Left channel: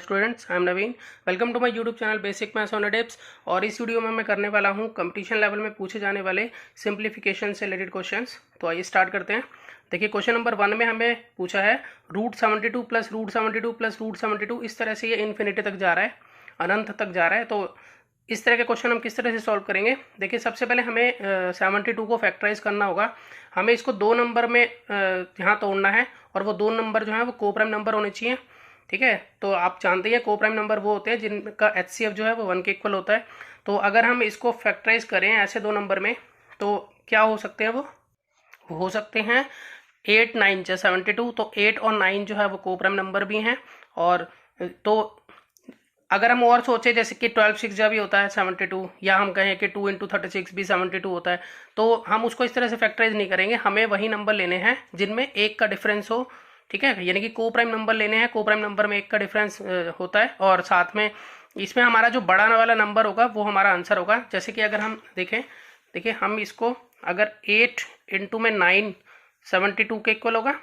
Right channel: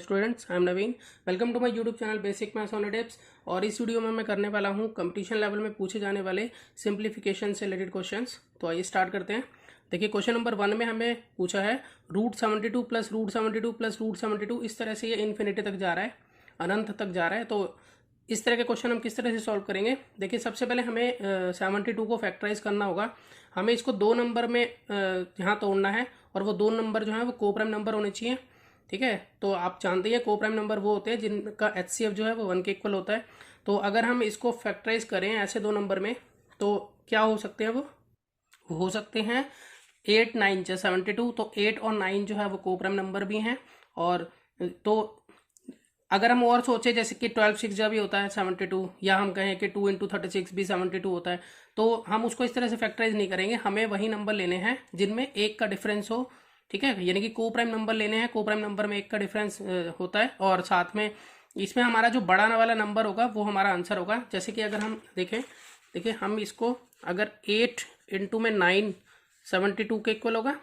Students, I am Naveen. Welcome to my YouTube channel basic maths on tips. और इस video में मैं करने वाला हूं कंपटीशन लेवल में पूछे जाने वाले सिंप्लीफिकेशन से रिलेटेड क्वेश्चंस। तो आइए स्टार्ट करते हैं। देखिए, क्वेश्चन नंबर 1 में हमें पूछा है √72 प्लस √72 प्लस √72। इस तरह से ये इन्फिनिटी तक जा रहा है, अनंत तक जा रहा है। तो इस तरह के क्वेश्चन हम किस तरह से सॉल्व करेंगे? देखिए, सबसे पहले हमें 72 को फैक्टराइज करना होगा। हमें इसको 2 नंबर में यहाँ तोड़ना है, और वो 2 नंबर जो है वो को प्राइम नंबर होने चाहिए। ठीक है, तो आप जानते हैं को प्राइम नंबर वो होते हैं जिनका HCF जो है वो 1 के इक्वल होता है। तो अगर हम इसको फैक्टराइज करें ऐसे 2 नंबर में, तो क्या हो सकते हैं? वो हो सकते हैं 8 9 72। तो 8 और 9 जो है वो को प्राइम नंबर भी हैं। और तो अगर हम और सोचे जैसे कि 12 6 भी होता है 72, या हम कहें कि 2 × 36 भी 72 होता है, तो हम उसको इस तरह से फैक्टराइज नहीं करेंगे। हमें वही नंबर लेने हैं जिनमें एक का डिफरेंस हो। ठीक है, यानी कि को प्राइम नंबर लेने हैं, को प्राइम नंबर में एक का डिफरेंस होता है, और साथ में इसमें हमारा जो बड़ा वाला नंबर होगा वो हमारा आंसर होगा। जैसे कि अगर हम देखिए हम इसको अगर 8 × 9 72 के इक्वल होगा,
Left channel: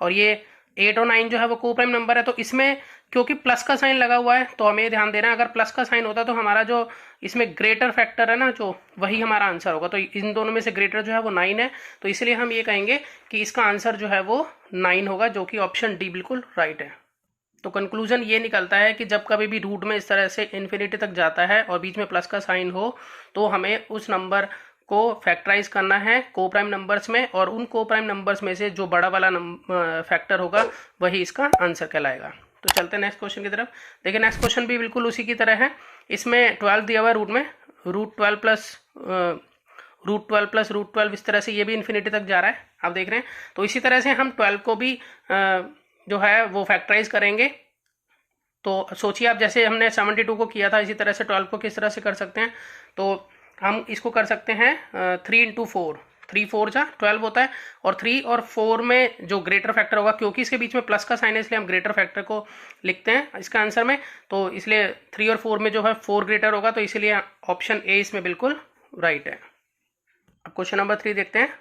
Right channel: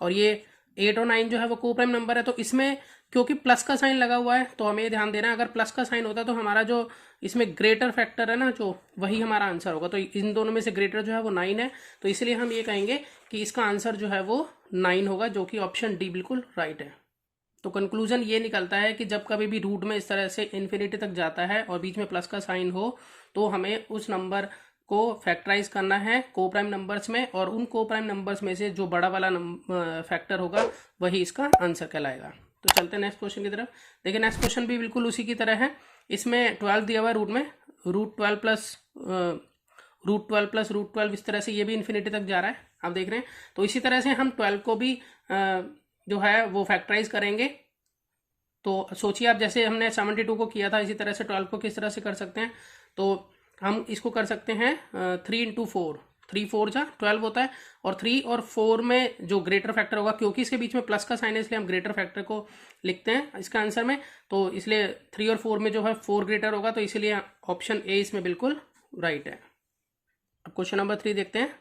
और ये 8 और 9 जो है वो को प्राइम नंबर है। तो इसमें क्योंकि प्लस का साइन लगा हुआ है तो हमें ये ध्यान देना है, अगर प्लस का साइन होता तो हमारा जो इसमें ग्रेटर फैक्टर है ना, जो वही हमारा आंसर होगा। तो इन दोनों में से ग्रेटर जो है वो 9 है, तो इसलिए हम ये कहेंगे कि इसका आंसर जो है वो 9 होगा, जो कि ऑप्शन डी बिल्कुल राइट है। तो कंक्लूजन ये निकलता है कि जब कभी भी रूट में इस तरह से इन्फिनिटी तक जाता है और बीच में प्लस का साइन हो, तो हमें उस नंबर को फैक्टराइज करना है को प्राइम नंबर्स में, और उन को प्राइम नंबर्स में से जो बड़ा वाला फैक्टर होगा वही इसका आंसर कहलाएगा। तो चलते हैं नेक्स्ट क्वेश्चन की तरफ। देखिए, नेक्स्ट क्वेश्चन भी बिल्कुल उसी की तरह है। इसमें 12 दिया हुआ है रूट में, √12 प्लस √12, इस तरह से ये भी इन्फिनिटी तक जा रहा है, आप देख रहे हैं। तो इसी तरह से हम 12 को भी जो है वो फैक्टराइज करेंगे। तो सोचिए आप, जैसे हमने 72 को किया था, इसी तरह से 12 को किस तरह से कर सकते हैं? तो हम इसको कर सकते हैं 3 × 4, 3 4 जा 12 होता है, और 3 और 4 में जो ग्रेटर फैक्टर होगा, क्योंकि इसके बीच में प्लस का साइन है इसलिए हम ग्रेटर फैक्टर को लिखते हैं इसका आंसर में। तो इसलिए 3 और 4 में जो है 4 ग्रेटर होगा, तो इसीलिए ऑप्शन ए इसमें बिल्कुल राइट है। अब क्वेश्चन नंबर 3 देखते हैं।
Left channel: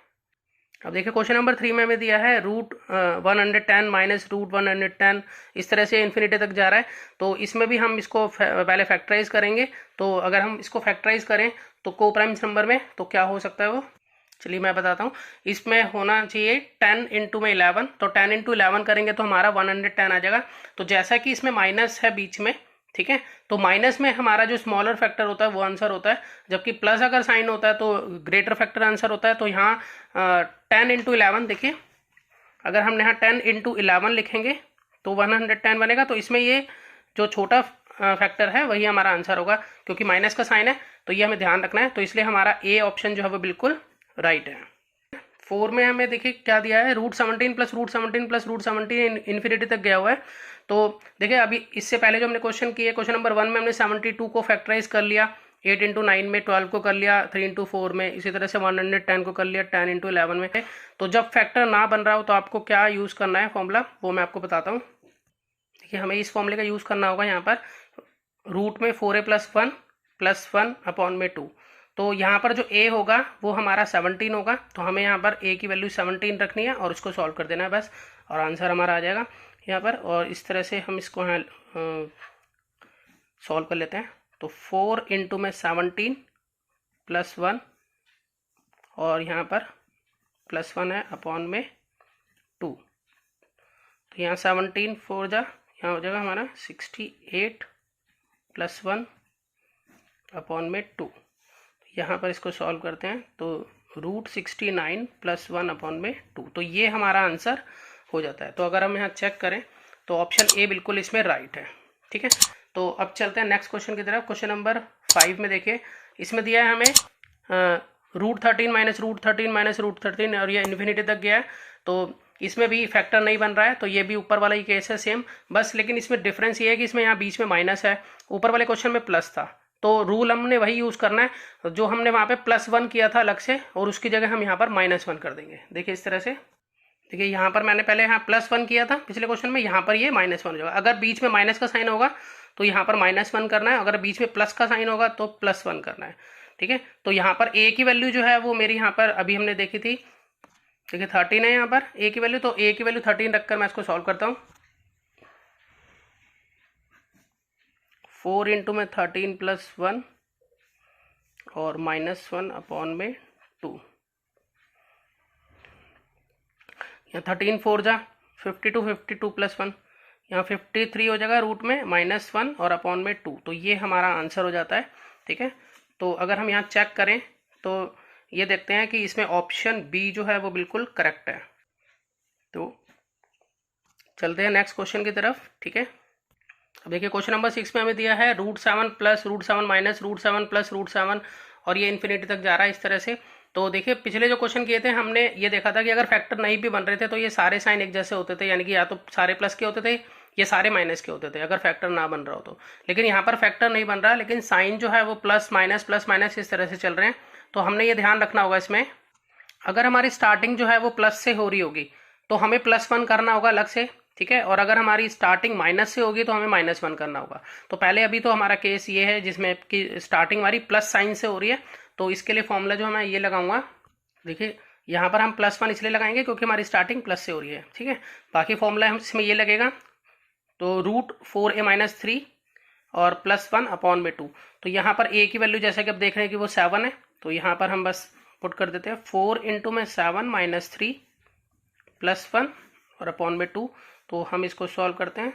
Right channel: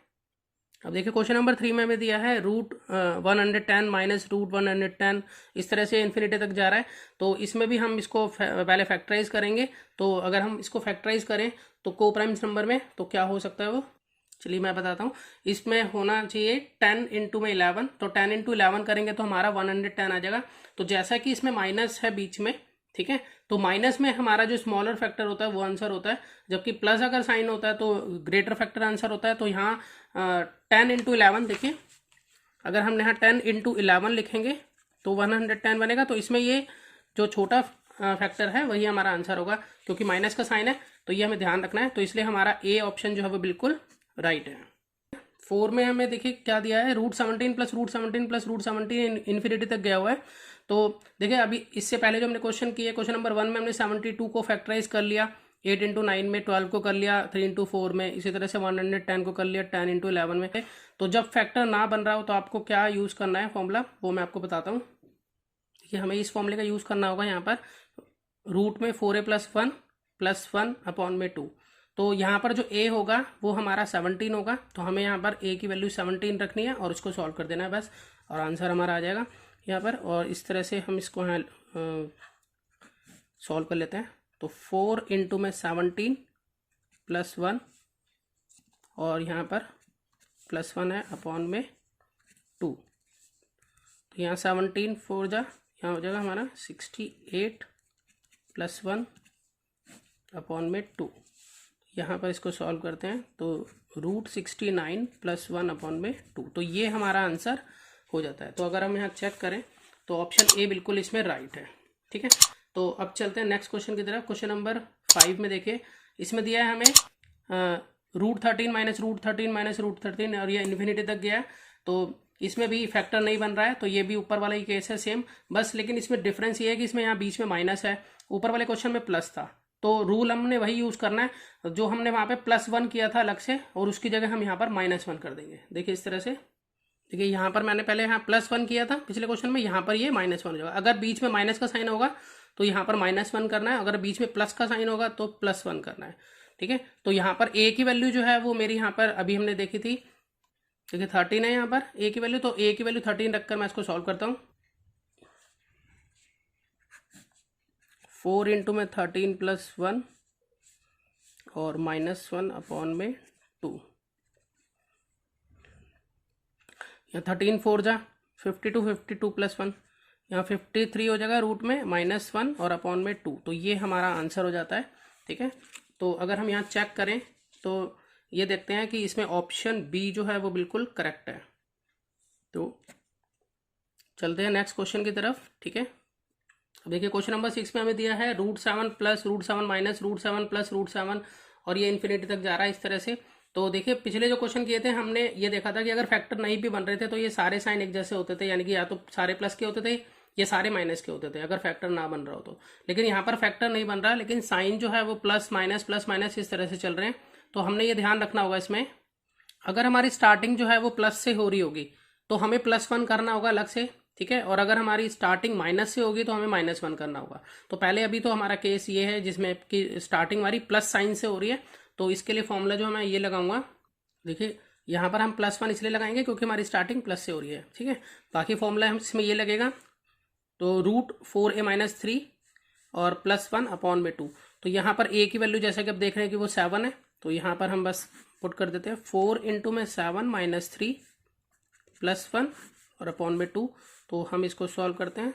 अब देखिए, क्वेश्चन नंबर 3 में हमें दिया है √110 माइनस √110, इस तरह से इन्फिनिटी तक जा रहा है। तो इसमें भी हम इसको पहले फैक्टराइज करेंगे। तो अगर हम इसको फैक्टराइज करें तो को प्राइम नंबर में तो क्या हो सकता है वो, चलिए मैं बताता हूँ। इसमें होना चाहिए 10 × में 11, तो 10 × 11 करेंगे तो हमारा 110 आ जाएगा। तो जैसा कि इसमें माइनस है बीच में, ठीक है, तो माइनस में हमारा जो स्मॉलर फैक्टर होता है वो आंसर होता है, जबकि प्लस अगर साइन होता है तो ग्रेटर फैक्टर आंसर होता है। तो यहाँ 10 × 11, देखिए अगर हम यहाँ 10 × 11 लिखेंगे तो 110 बनेगा। तो इसमें ये जो छोटा फैक्टर है वही हमारा आंसर होगा, क्योंकि माइनस का साइन है, तो ये हमें ध्यान रखना है। तो इसलिए हमारा ए ऑप्शन जो है वो बिल्कुल राइट है। 4 में हमें देखिए क्या दिया है, √17 प्लस √17 प्लस √17 इन्फिनिटी तक गया हुआ है। तो देखिए, अभी इससे पहले जो हमने क्वेश्चन किए, क्वेश्चन नंबर 1 में हमने 72 को फैक्टराइज कर लिया, 8 × 9 में 12 को कर लिया, 3 × 4 में, इसी तरह से 110 को कर लिया 10 × 11 में। तो जब फैक्टर ना बन रहा हो तो आपको क्या यूज़ करना है फॉर्मूला, वो मैं आपको बताता हूँ। देखिए, हमें इस फॉर्मूले का यूज़ करना होगा यहाँ पर, रूट में 4a + 1 / 2। तो यहाँ पर जो a होगा वो हमारा 17 होगा, तो हमें यहाँ पर a की वैल्यू 17 रखनी है और उसको सॉल्व कर देना है बस, और आंसर हमारा आ जाएगा यहाँ पर। और इस तरह से हम इसको यहाँ सॉल्व कर लेते हैं। तो 4 × में 17 + 1, और यहाँ पर +1 है / 2। तो यहाँ 17 4 जा, यहाँ हो जाएगा हमारा 68 + 1 / 2। यहाँ पर इसको सॉल्व करते हैं तो √69 + 1 / 2, तो ये हमारा आंसर हो जाता है। तो अगर हम यहाँ चेक करें तो ऑप्शन ए बिल्कुल इसमें राइट है। ठीक है, तो अब चलते हैं नेक्स्ट क्वेश्चन की तरफ। क्वेश्चन नंबर 5 में देखिए, इसमें दिया है हमें √13 माइनस √13 माइनस √13, और ये इन्फिनिटी तक गया है। तो इसमें भी फैक्टर नहीं बन रहा है, तो ये भी ऊपर वाला ही केस है सेम, बस लेकिन इसमें डिफरेंस ये है कि इसमें यहाँ बीच में माइनस है, ऊपर वाले क्वेश्चन में प्लस था। तो रूल हमने वही यूज़ करना है जो हमने वहाँ पे +1 किया था अलग से, और उसकी जगह हम यहाँ पर -1 कर देंगे। देखिए इस तरह से, देखिए यहाँ पर मैंने पहले यहाँ +1 किया था पिछले क्वेश्चन में, यहाँ पर ये -1 हो जाएगा। अगर बीच में माइनस का साइन होगा तो यहाँ पर -1 करना है, अगर बीच में प्लस का साइन होगा तो +1 करना है। ठीक है, तो यहाँ पर a की वैल्यू जो है वो मेरी यहाँ पर अभी हमने देखी थी, देखिए 13 है यहाँ पर a की वैल्यू, तो a की वैल्यू 13 रखकर मैं इसको सॉल्व करता हूँ। 4 इंटू में 13 प्लस 1 और -1 अपॉन में 2। यहाँ 13 4 जा 52, 52 प्लस 1, यहाँ 53 हो जाएगा रूट में -1 और अपॉन में 2। तो ये हमारा आंसर हो जाता है। ठीक है, तो अगर हम यहाँ चेक करें तो ये देखते हैं कि इसमें ऑप्शन बी जो है वो बिल्कुल करेक्ट है। तो चलते हैं नेक्स्ट क्वेश्चन की तरफ। ठीक है, अब देखिए क्वेश्चन नंबर 6 में हमें दिया है √7 प्लस √7 माइनस √7 प्लस √7 और ये इन्फिनिटी तक जा रहा है इस तरह से। तो देखिए पिछले जो क्वेश्चन किए थे हमने ये देखा था कि अगर फैक्टर नहीं भी बन रहे थे तो ये सारे साइन एक जैसे होते थे, यानी कि या तो सारे प्लस के होते थे ये सारे माइनस के होते थे अगर फैक्टर ना बन रहा हो तो। लेकिन यहाँ पर फैक्टर नहीं बन रहा, लेकिन साइन जो है वो प्लस माइनस इस तरह से चल रहे हैं। तो हमने ये ध्यान रखना होगा इसमें, अगर हमारी स्टार्टिंग जो है वो प्लस से हो रही होगी तो हमें +1 करना होगा अलग से। ठीक है, और अगर हमारी स्टार्टिंग माइनस से होगी तो हमें -1 करना होगा। तो पहले अभी तो हमारा केस ये है जिसमें कि स्टार्टिंग हमारी प्लस साइन से हो रही है, तो इसके लिए फॉर्मूला जो मैं ये लगाऊंगा, देखिए यहाँ पर हम +1 इसलिए लगाएंगे क्योंकि हमारी स्टार्टिंग प्लस से हो रही है। ठीक है, बाकी फॉर्मूला हम इसमें ये लगेगा, तो √4a-3 और +1 अपॉन में 2। तो यहाँ पर a की वैल्यू जैसे कि अब देख रहे हैं कि वो 7 है, तो यहाँ पर हम बस पुट कर देते हैं 4 इंटू में 7 -3 +1 और अपॉन में 2। तो हम इसको सॉल्व करते हैं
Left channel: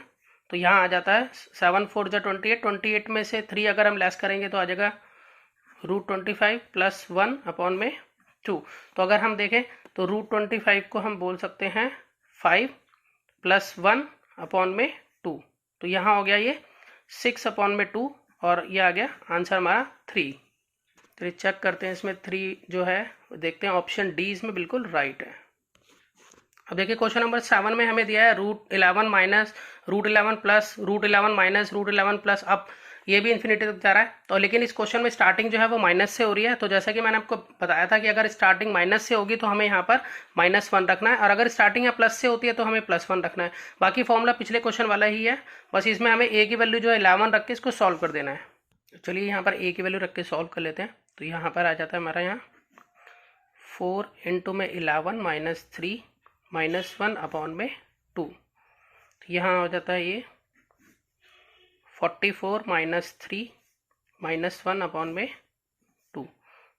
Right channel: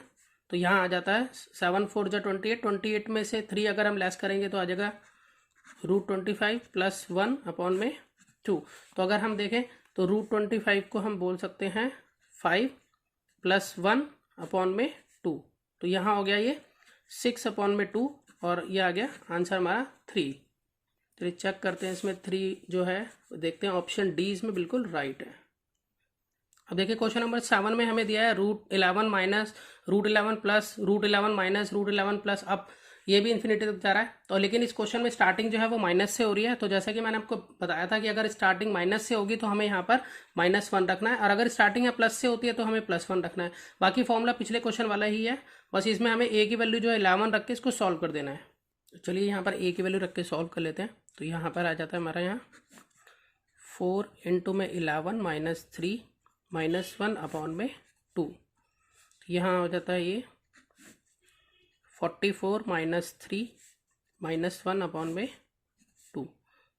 तो यहाँ आ जाता है 7 4 जा 28, 28 में से 3 अगर हम लेस करेंगे तो आ जाएगा √25 प्लस 1 अपॉन में 2। तो अगर हम देखें तो √25 को हम बोल सकते हैं 5 प्लस 1 अपॉन में 2। तो यहाँ हो गया ये 6 अपॉन में 2 और ये आ गया आंसर हमारा 3। तो चेक करते हैं इसमें 3 जो है देखते हैं, ऑप्शन डी इसमें बिल्कुल राइट है। अब देखिए क्वेश्चन नंबर 7 में हमें दिया है √11 माइनस √11 प्लस √11 माइनस √11 प्लस। अब ये भी इन्फिनिटी तक जा रहा है, तो लेकिन इस क्वेश्चन में स्टार्टिंग जो है वो माइनस से हो रही है। तो जैसा कि मैंने आपको बताया था कि अगर स्टार्टिंग माइनस से होगी तो हमें यहाँ पर -1 रखना है, और अगर स्टार्टिंग यहाँ प्लस से होती है तो हमें +1 रखना है। बाकी फॉर्मूला पिछले क्वेश्चन वाला ही है, बस इसमें हमें a की वैल्यू जो है 11 रख के इसको सॉल्व कर देना है। चलिए यहाँ पर a की वैल्यू रख के सॉल्व कर लेते हैं। तो यहाँ पर आ जाता है हमारा यहाँ 4 इंटू में 11 -3 -1 अपॉन में 2। तो यहाँ हो जाता है ये 44 -3 -1 अपॉन में 2।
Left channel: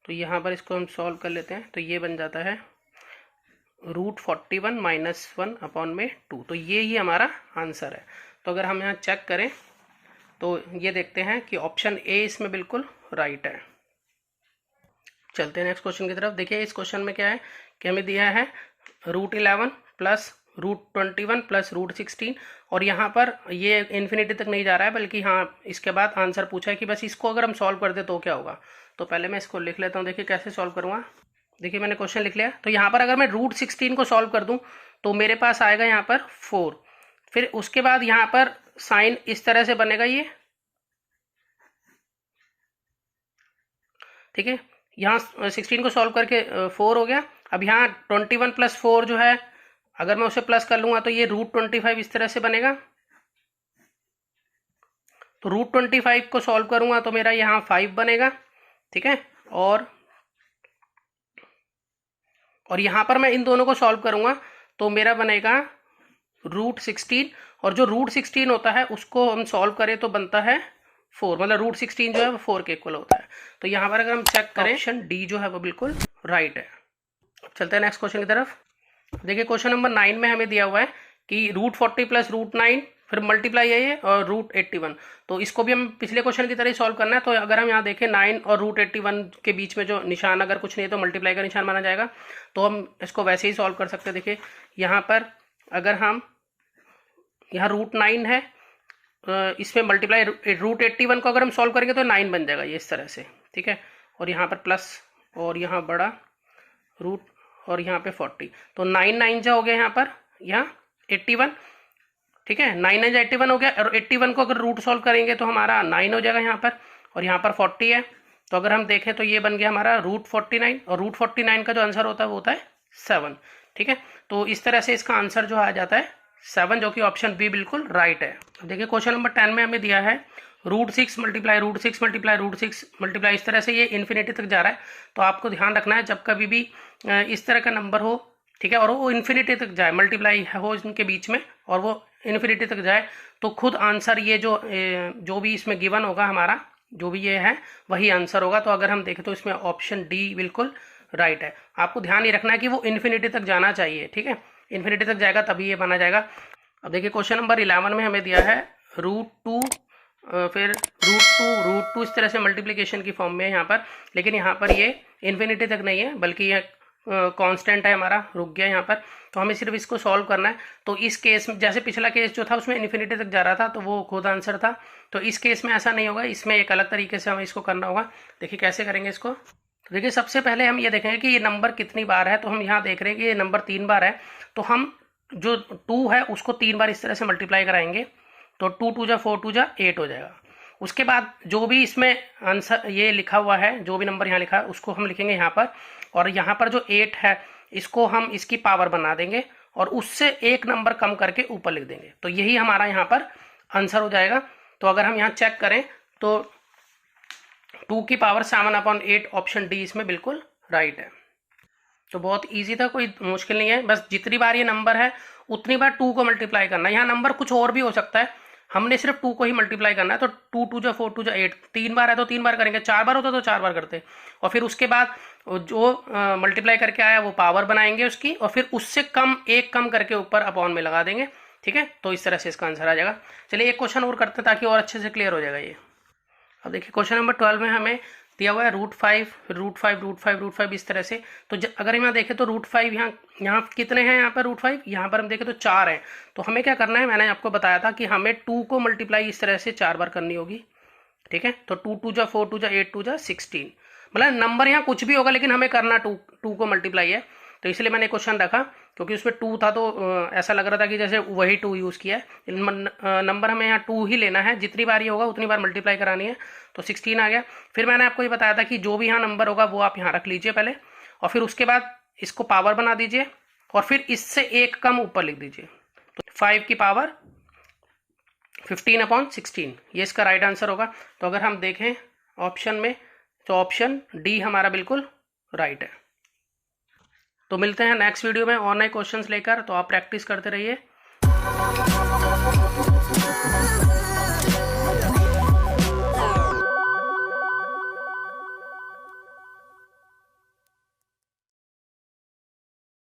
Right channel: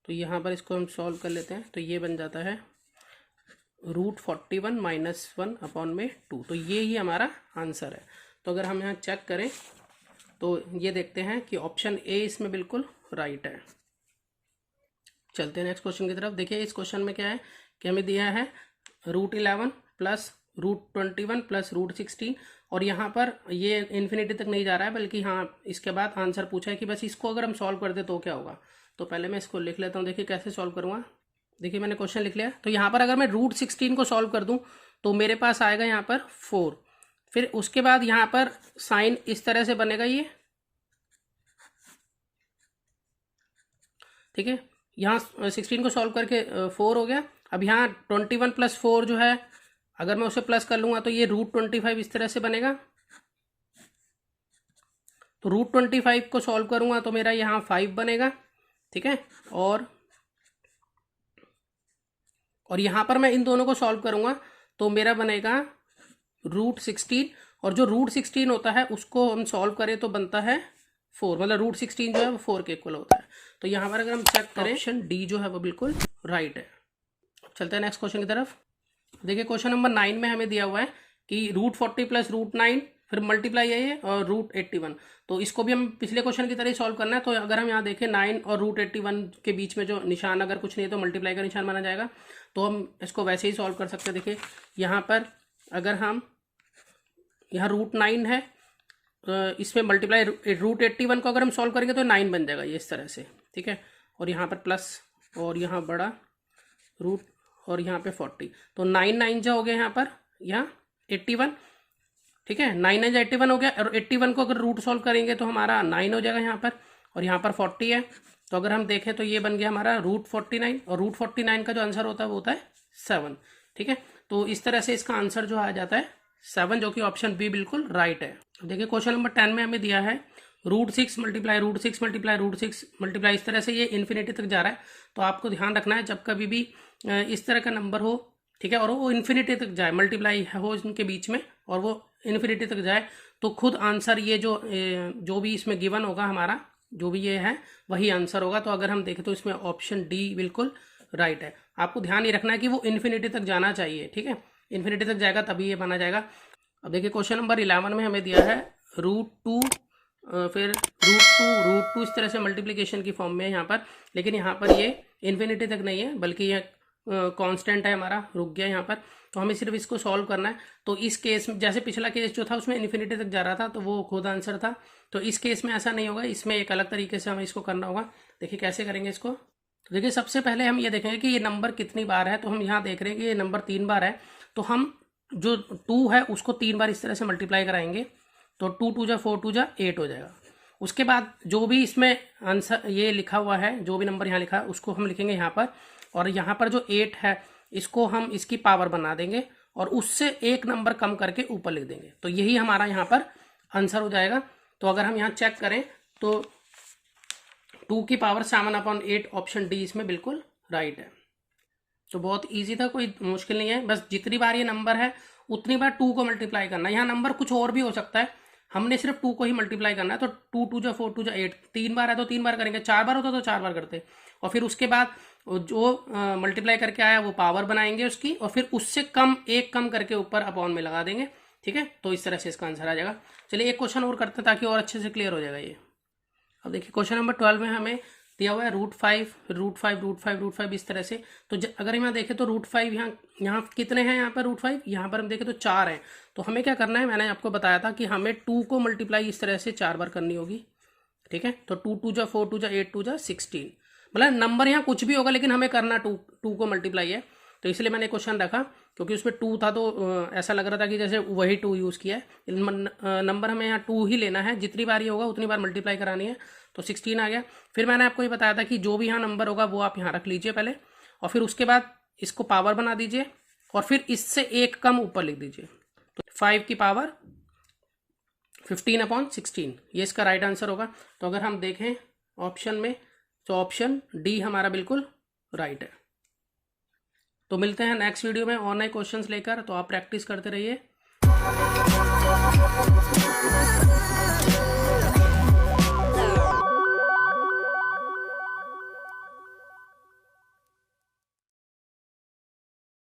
तो यहाँ पर इसको हम सॉल्व कर लेते हैं, तो ये बन जाता है √41 -1 अपॉन में 2। तो ये ही हमारा आंसर है। तो अगर हम यहाँ चेक करें तो ये देखते हैं कि ऑप्शन ए इसमें बिल्कुल राइट है। चलते हैं नेक्स्ट क्वेश्चन की तरफ। देखिए इस क्वेश्चन में क्या है कि हमें दिया है √11 प्लस √21 प्लस √16, और यहाँ पर ये इन्फिनिटी तक नहीं जा रहा है बल्कि हाँ इसके बाद आंसर पूछा है कि बस इसको अगर हम सॉल्व कर दे तो क्या होगा। तो पहले मैं इसको लिख लेता हूँ, देखिए कैसे सॉल्व करूँगा। देखिए मैंने क्वेश्चन लिख लिया, तो यहाँ पर अगर मैं √16 को सॉल्व कर दूँ तो मेरे पास आएगा यहाँ पर 4, फिर उसके बाद यहाँ पर साइन इस तरह से बनेगा ये। ठीक है, यहाँ 16 को सॉल्व करके 4 हो गया। अब यहाँ 21 प्लस 4 जो है अगर मैं उसे प्लस कर लूँगा तो ये √25 इस तरह से बनेगा। तो √25 को सॉल्व करूँगा तो मेरा यहाँ 5 बनेगा। ठीक है, और यहाँ पर मैं इन दोनों को सॉल्व करूँगा तो मेरा बनेगा √16, और जो √16 होता है उसको हम सॉल्व करें तो बनता है 4, मतलब √16 जो है वो 4 के इक्वल होता है। तो यहाँ पर अगर हम चेक करें ऑप्शन डी जो है वो बिल्कुल राइट है। चलते हैं नेक्स्ट क्वेश्चन की तरफ। देखिए क्वेश्चन नंबर 9 में हमें दिया हुआ है कि √40 प्लस √9 फिर मल्टीप्लाई है और √81। तो इसको भी हम पिछले क्वेश्चन की तरह ही सॉल्व करना है। तो अगर हम यहाँ देखें 9 और √81 के बीच में जो निशान अगर कुछ नहीं है तो मल्टीप्लाई का निशान माना जाएगा, तो हम इसको वैसे ही सॉल्व कर सकते हैं। देखिए यहाँ पर अगर हम यहाँ √9 है, इसमें मल्टीप्लाई √81 को अगर हम सॉल्व करेंगे तो 9 बन जाएगा ये इस तरह से। ठीक है, और यहाँ पर प्लस और यहाँ बड़ा रूट और यहाँ पे 40, तो 9 9 जा हो गया यहाँ पर, यहाँ 81। ठीक है, 9 9 जा 81 हो गया, और 81 को अगर रूट सॉल्व करेंगे तो हमारा 9 हो जाएगा यहाँ पर, और यहाँ पर 40 है। तो अगर हम देखें तो ये बन गया हमारा √49, और √49 का जो आंसर होता है वो होता है 7। ठीक है, तो इस तरह से इसका आंसर जो आ जाता है 7, जो कि ऑप्शन बी बिल्कुल राइट है। देखिए क्वेश्चन नंबर 10 में हमें दिया है √6 मल्टीप्लाई √6 मल्टीप्लाई √6 मल्टीप्लाई, इस तरह से ये इन्फिनिटी तक जा रहा है। तो आपको ध्यान रखना है जब कभी भी इस तरह का नंबर हो, ठीक है, और वो इन्फिनिटी तक जाए, मल्टीप्लाई हो इनके बीच में और वो इन्फिनिटी तक जाए, तो खुद आंसर ये जो भी इसमें गिवन होगा हमारा, जो भी ये है वही आंसर होगा। तो अगर हम देखें तो इसमें ऑप्शन डी बिल्कुल राइट है। आपको ध्यान ये रखना है कि वो इन्फिनिटी तक जाना चाहिए, ठीक है, इन्फिनिटी तक जाएगा तभी ये बना जाएगा। अब देखिए क्वेश्चन नंबर 11 में हमें दिया है √2, फिर √2 इस तरह से मल्टीप्लिकेशन की फॉर्म में है यहाँ पर, लेकिन यहाँ पर ये इन्फिनिटी तक नहीं है बल्कि ये कांस्टेंट है हमारा, रुक गया यहाँ पर। तो हमें सिर्फ इसको सॉल्व करना है। तो इस केस में जैसे पिछला केस जो था उसमें इन्फिनिटी तक जा रहा था तो वो खुद आंसर था, तो इस केस में ऐसा नहीं होगा, इसमें एक अलग तरीके से हमें इसको करना होगा। देखिए कैसे करेंगे इसको। तो देखिए सबसे पहले हम ये देखेंगे कि ये नंबर कितनी बार है। तो हम यहाँ देख रहे हैं कि ये नंबर 3 बार है, तो हम जो 2 है उसको 3 बार इस तरह से मल्टीप्लाई कराएंगे, तो 2 2 जा 4 2 जा 8 हो जाएगा। उसके बाद जो भी इसमें आंसर ये लिखा हुआ है, जो भी नंबर यहाँ लिखा है उसको हम लिखेंगे यहाँ पर, और यहाँ पर जो 8 है इसको हम इसकी पावर बना देंगे और उससे एक नंबर कम करके ऊपर लिख देंगे, तो यही हमारा यहाँ पर आंसर हो जाएगा। तो अगर हम यहाँ चेक करें तो 2 की पावर 7/8 ऑप्शन डी इसमें बिल्कुल राइट है। तो बहुत इजी था, कोई मुश्किल नहीं है, बस जितनी बार ये नंबर है उतनी बार 2 को मल्टीप्लाई करना है। यहाँ नंबर कुछ और भी हो सकता है, हमने सिर्फ 2 को ही मल्टीप्लाई करना है। तो 2 2 जा 4 2 जा 8, 3 बार है तो 3 बार करेंगे, 4 बार होता तो 4 बार करते, और फिर उसके बाद जो मल्टीप्लाई करके आया वो पावर बनाएंगे उसकी, और फिर उससे एक कम करके ऊपर अपॉन में लगा देंगे, ठीक है। तो इस तरह से इसका आंसर आ जाएगा। चलिए एक क्वेश्चन और करते हैं ताकि और अच्छे से क्लियर हो जाएगा ये। अब देखिए क्वेश्चन नंबर 12 में हमें दिया हुआ है √5 इस तरह से। तो अगर यहाँ देखें तो √5 यहाँ कितने हैं, यहाँ पर √5, यहाँ पर हम देखें तो 4 हैं। तो हमें क्या करना है, मैंने आपको बताया था कि हमें 2 को मल्टीप्लाई इस तरह से 4 बार करनी होगी, ठीक है। तो 2 2 जा 4 2 जा 8 2 जा 16, मतलब नंबर यहाँ कुछ भी होगा लेकिन हमें करना 2 को मल्टीप्लाई है। तो इसलिए मैंने क्वेश्चन रखा, क्योंकि उसमें 2 था तो ऐसा लग रहा था कि जैसे वही 2 यूज़ किया है। नंबर हमें यहाँ 2 ही लेना है, जितनी बार ये होगा उतनी बार मल्टीप्लाई करानी है। तो 16 आ गया। फिर मैंने आपको ये बताया था कि जो भी यहाँ नंबर होगा वो आप यहाँ रख लीजिए पहले, और फिर उसके बाद इसको पावर बना दीजिए और फिर इससे एक कम ऊपर लिख दीजिए। तो 5 की पावर 15/16 ये इसका राइट आंसर होगा। तो अगर हम देखें ऑप्शन में तो ऑप्शन डी हमारा बिल्कुल राइट है। तो मिलते हैं नेक्स्ट वीडियो में और नए क्वेश्चंस लेकर, तो आप प्रैक्टिस करते रहिए।